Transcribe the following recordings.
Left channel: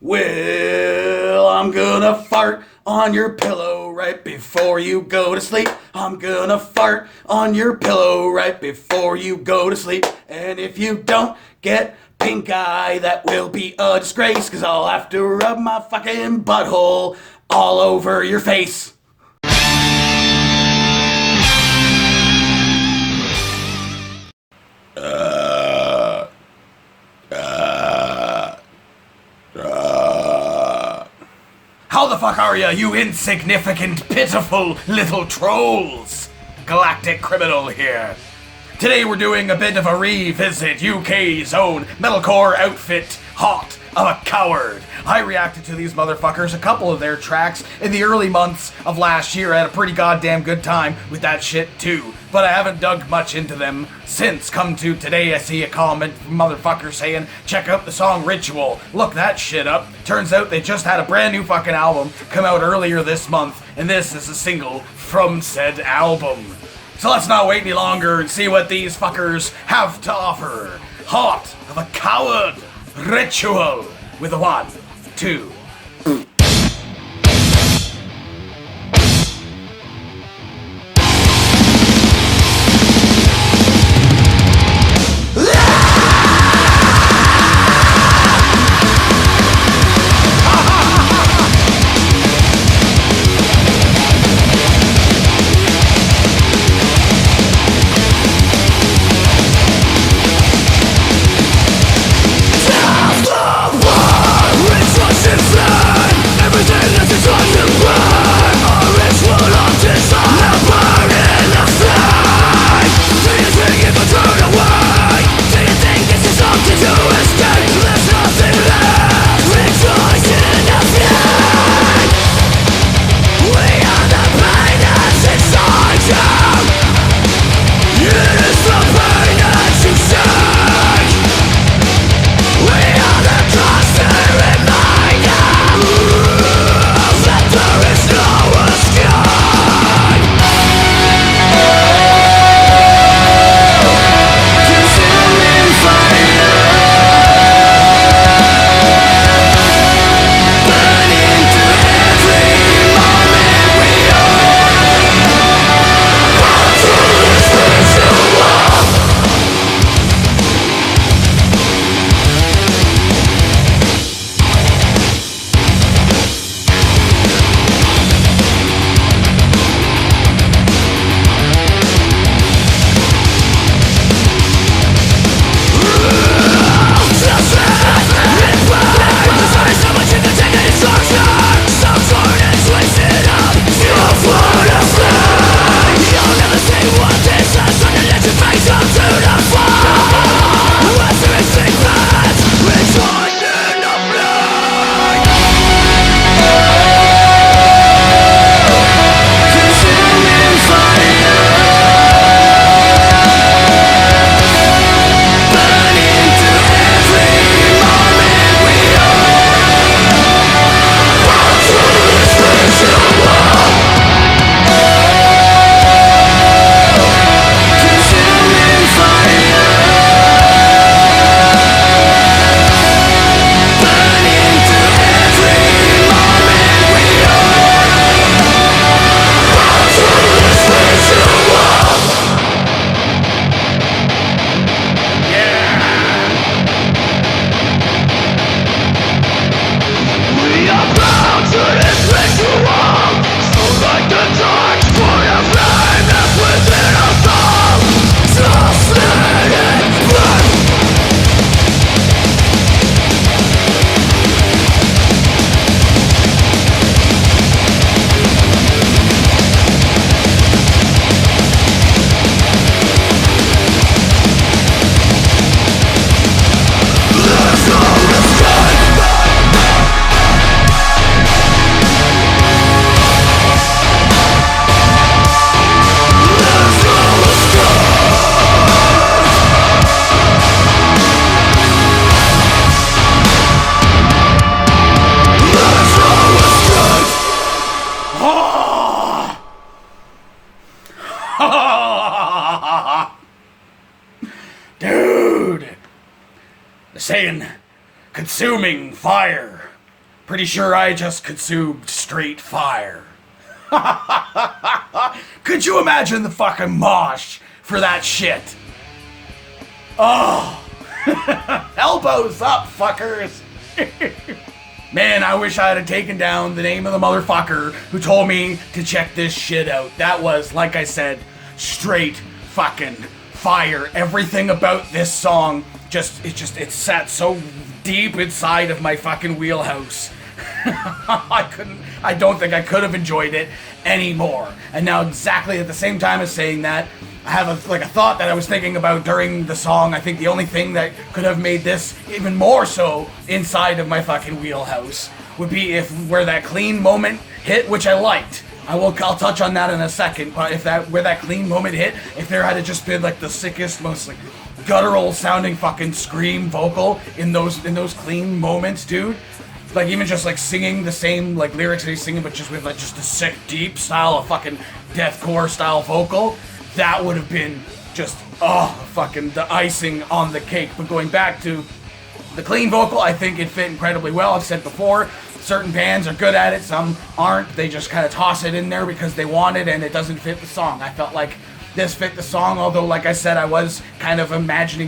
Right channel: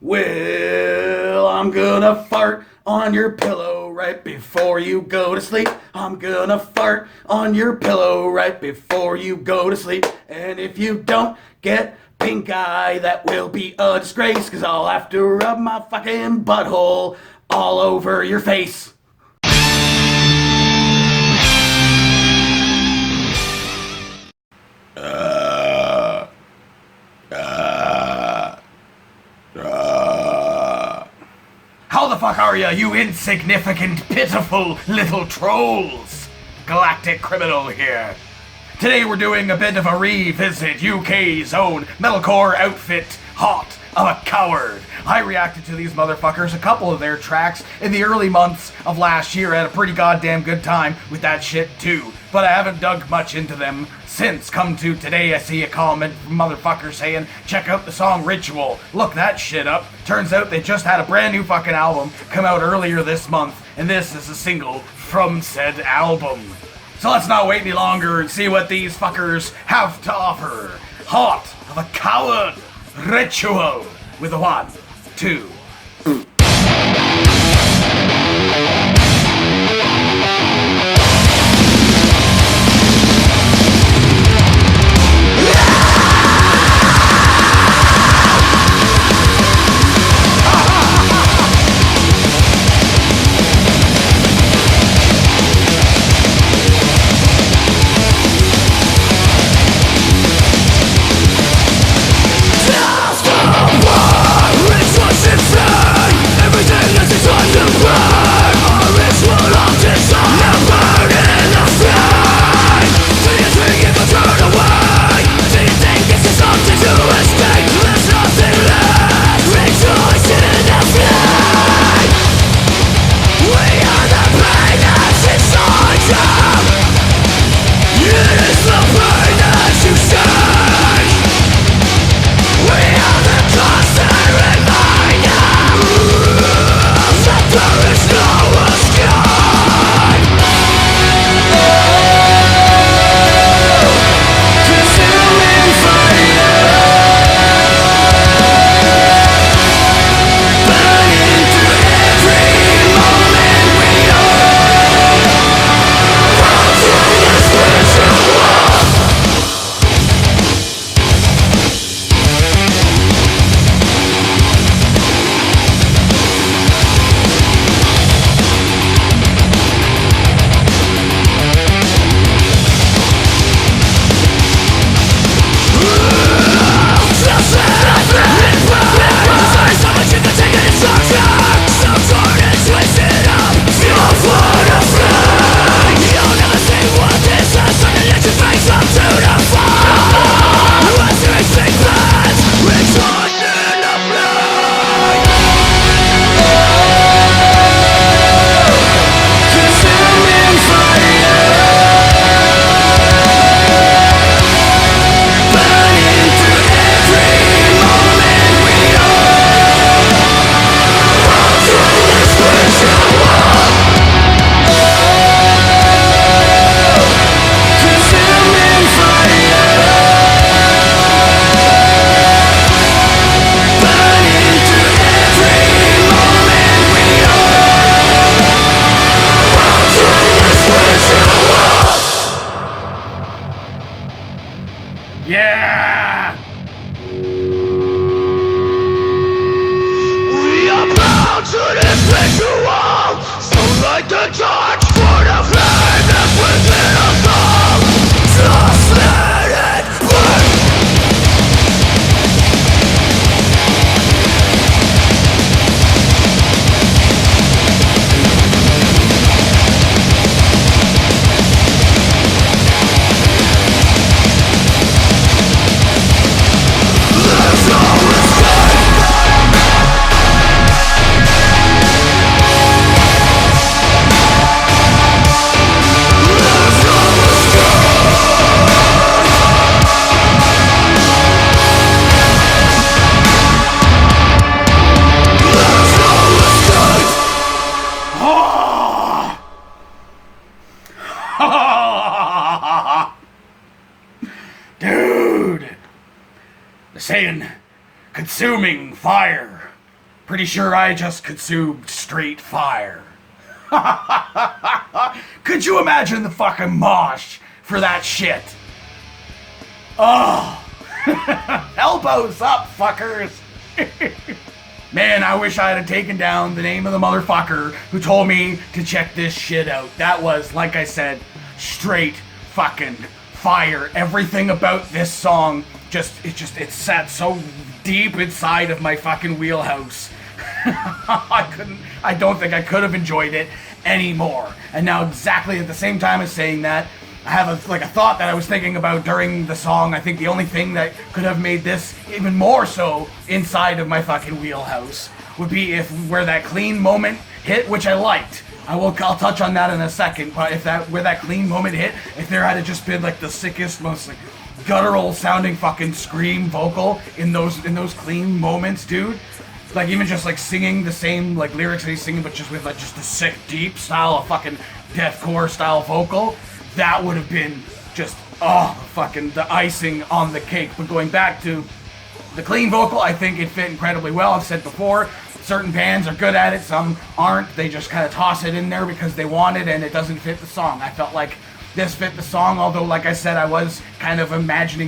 Well, I'm gonna fart on your pillow right before you go to sleep. I'm gonna fart on your pillow right before you go to sleep. And if you don't get pink eye, that will be a disgrace, 'cause I'll have to rub my fucking butthole all over your face. How the fuck are ya, you insignificant, pitiful little trolls? Galactic Criminal here. Today we're doing a bit of a revisit UK's own metalcore outfit, Heart of a Coward. I reacted to these motherfuckers, a couple of their tracks, in the early months of last year. I had a pretty goddamn good time with that shit too, but I haven't dug much into them since. Come to today, I see a comment from motherfuckers saying, check out the song Ritual. Look that shit up. Turns out they just had a brand new fucking album come out earlier this month, and this is a single from said album. So let's not wait any longer and see what these fuckers have to offer. Heart of a Coward, Ritual, with a 1, 2. Dude, the saying, consuming fire Pretty sure I just consumed straight fire. Could you imagine the fucking mosh for that shit? Oh. Elbows up, fuckers. Man, I wish I had taken down the name of the motherfucker who told me to check this shit out. That was, like I said, straight fucking fire. Everything about this song it sat so deep inside of my fucking wheelhouse. I don't think I could have enjoyed it anymore. And now, exactly at the same time as saying that, I have a thought that I was thinking about during the song. I think the only thing that could have made this even more so inside of my fucking wheelhouse would be if where that clean moment hit, which I liked. I'll touch on that in a second, but where that clean moment hit, if there had just been like the sickest, most like guttural sounding fucking scream vocal in those clean moments, dude. Like even just like singing the same like lyrics that he's singing, but just with like just the sick deep style of fucking deathcore style vocal, that would have been just fucking the icing on the cake. But going back to the clean vocal, I think it fit incredibly well. I've said before, certain bands are good at it, some aren't. They just kind of toss it in there because they want it and it doesn't fit the song. I felt like this fit the song, although like I said, I was kind of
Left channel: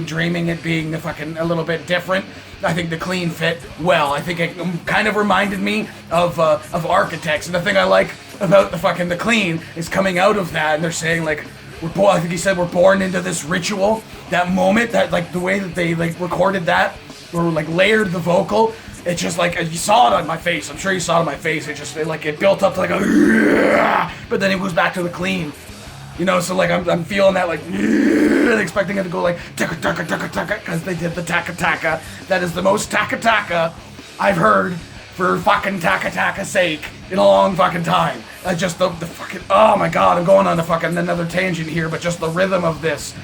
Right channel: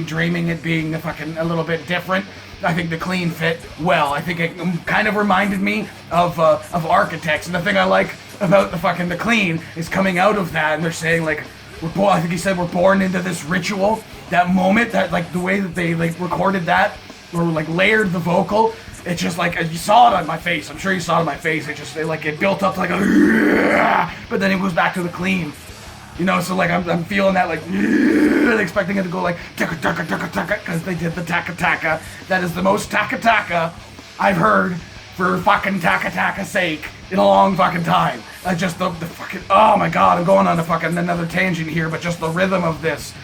dreaming it being a little bit different. I think the clean fit well. I think it kind of reminded me of Architects, and the thing I like about the clean is coming out of that, and they're saying like, I think he said we're born into this ritual. That moment, that like the way that they like recorded that, or like layered the vocal, it's just like, you saw it on my face. I'm sure you saw it on my face. It built up to like a, but then it goes back to the clean. You know, so like I'm feeling that like, expecting it to go like taka taka taka taka, because they did the taka taka. That is the most taka taka I've heard for fucking taka taka sake in a long fucking time. Just the fucking, oh my god, I'm going on a fucking another tangent here, but just the rhythm of this,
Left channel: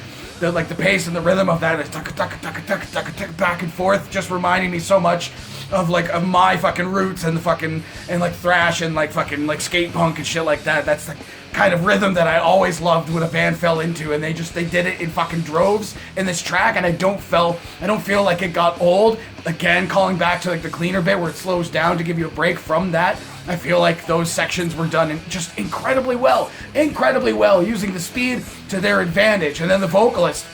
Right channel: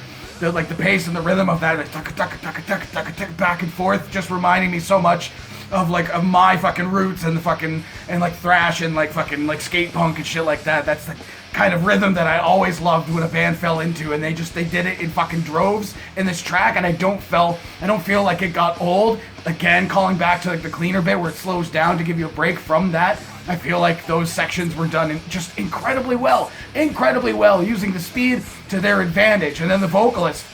the pace and the rhythm of that, taka taka taka taka taka taka back and forth, just reminding me so much of my fucking roots and like thrash and like fucking like skate punk and shit like that. That's the kind of rhythm that I always loved when a band fell into, and they did it in fucking droves in this track, and I don't feel like it got old. Again, calling back to like the cleaner bit where it slows down to give you a break from that. I feel like those sections were done just incredibly well, using the speed to their advantage. And then the vocalist,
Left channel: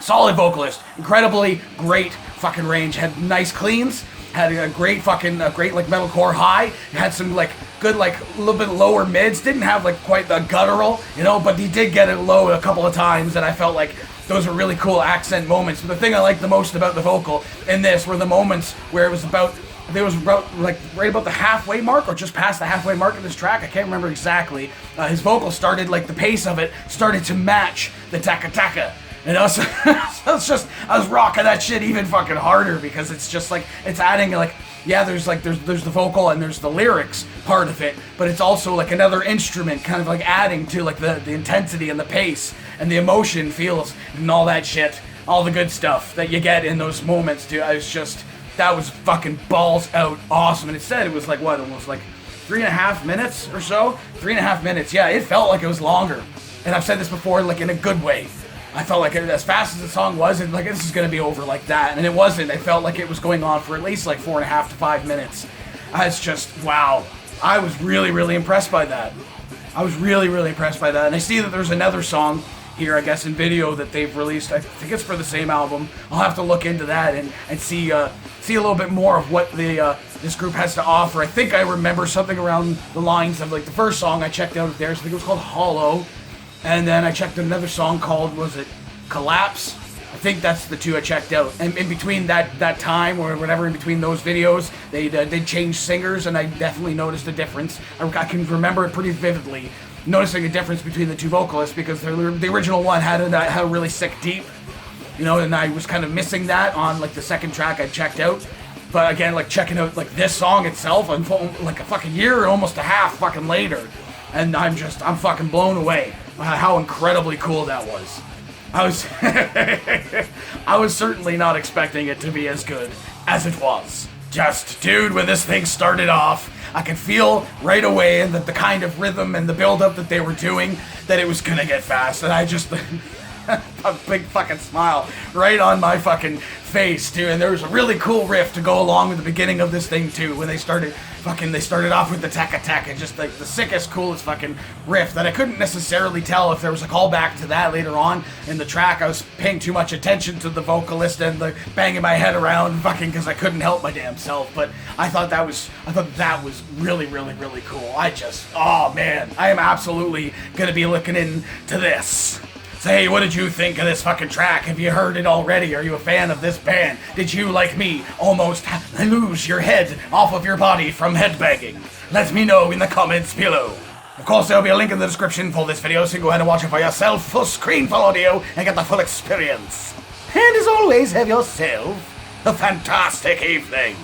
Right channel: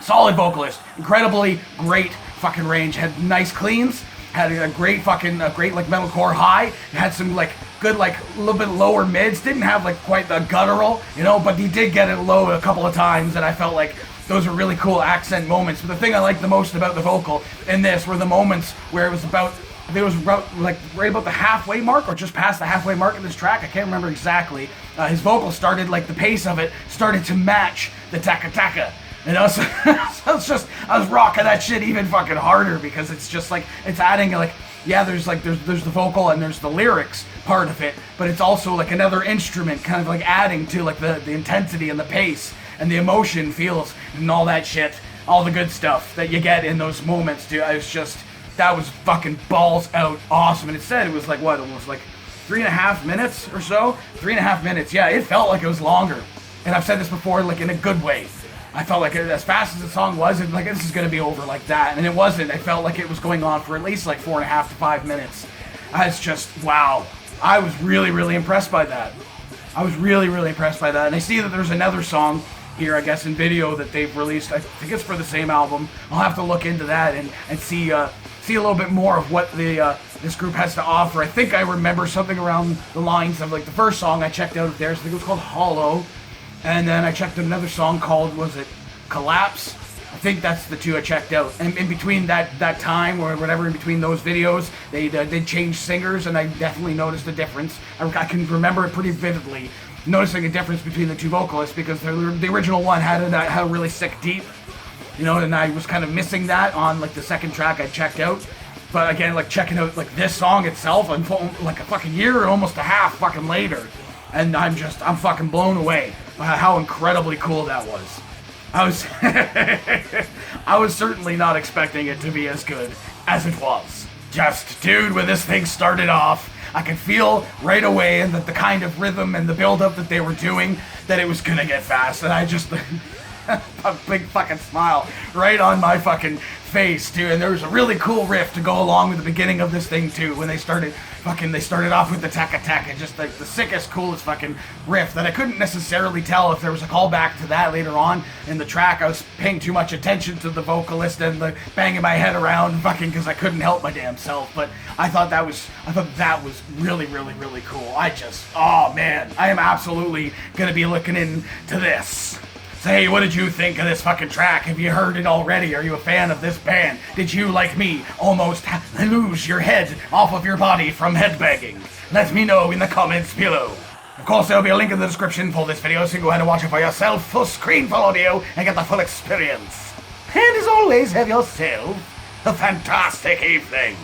solid vocalist, incredibly great fucking range, had nice cleans, had a great like metalcore high, had some like good like a little bit lower mids, didn't have like quite the guttural, you know, but he did get it low a couple of times, and I felt like those were really cool accent moments. But the thing I liked the most about the vocal in this were the moments where it was about like right about the halfway mark or just past the halfway mark of this track. I can't remember exactly. His vocal started, like the pace of it started to match the taka taka. You know, so I was rocking that shit even fucking harder, because it's just like, it's adding like, yeah, there's the vocal and there's the lyrics part of it, but it's also like another instrument kind of like adding to like the intensity and the pace and the emotion feels and all that shit, all the good stuff that you get in those moments, dude. That was fucking balls out awesome. And it said it was like what, almost like 3.5 minutes or so? 3.5 minutes, yeah, it felt like it was longer. And I've said this before, like in a good way. I felt like as fast as the song was, and like this is gonna be over like that, and it wasn't. I felt like it was going on for at least like 4.5 to 5 minutes. It's just, wow. I was really, really impressed by that. And I see that there's another song here, I guess, in video that they've released. I think it's for the same album. I'll have to look into that and see a little bit more of what this group has to offer. I think I remember something around the lines of like the first song I checked out of theirs. I think it was called Hollow. And then I checked another song called, was it Collapse? I think that's the two I checked out. And in between that time, or whatever, in between those videos, they changed singers, and I definitely noticed a difference. I can remember it pretty vividly, noticing a difference between the two vocalists, because the original one had a really sick deep, you know, and I was kind of missing that on like the second track I checked out. But again, like checking out like this song itself, I'm like a fucking year or almost a half fucking later, and I'm fucking blown away by how incredibly cool that was. I was certainly not expecting it to be as good as it was. Just, dude, when this thing started off, I could feel right away that the kind of rhythm and the build-up that they were doing, that it was gonna get fast, and I just, a big fucking smile right on my fucking face too, and there was a really cool riff to go along with the beginning of this thing too, when they started off with the Taka Taka, just like the sickest, coolest fucking riff that I couldn't necessarily tell if there was a callback to that later on in the track. I was paying too much attention to the vocalist and the banging my head around fucking because I couldn't help my damn self, but I thought that was really, really, really cool. Oh man, I am absolutely gonna be looking into this. So hey, what did you think of this fucking track? Have you heard it already? Are you a fan of this band? Did you, like me, almost lose your head off of your body from headbanging? Let me know in the comments below. Of course, there will be a link in the description for this video, so you can go ahead and watch it for yourself, full screen, full audio, and get the full experience. And as always, have yourself a fantastic evening.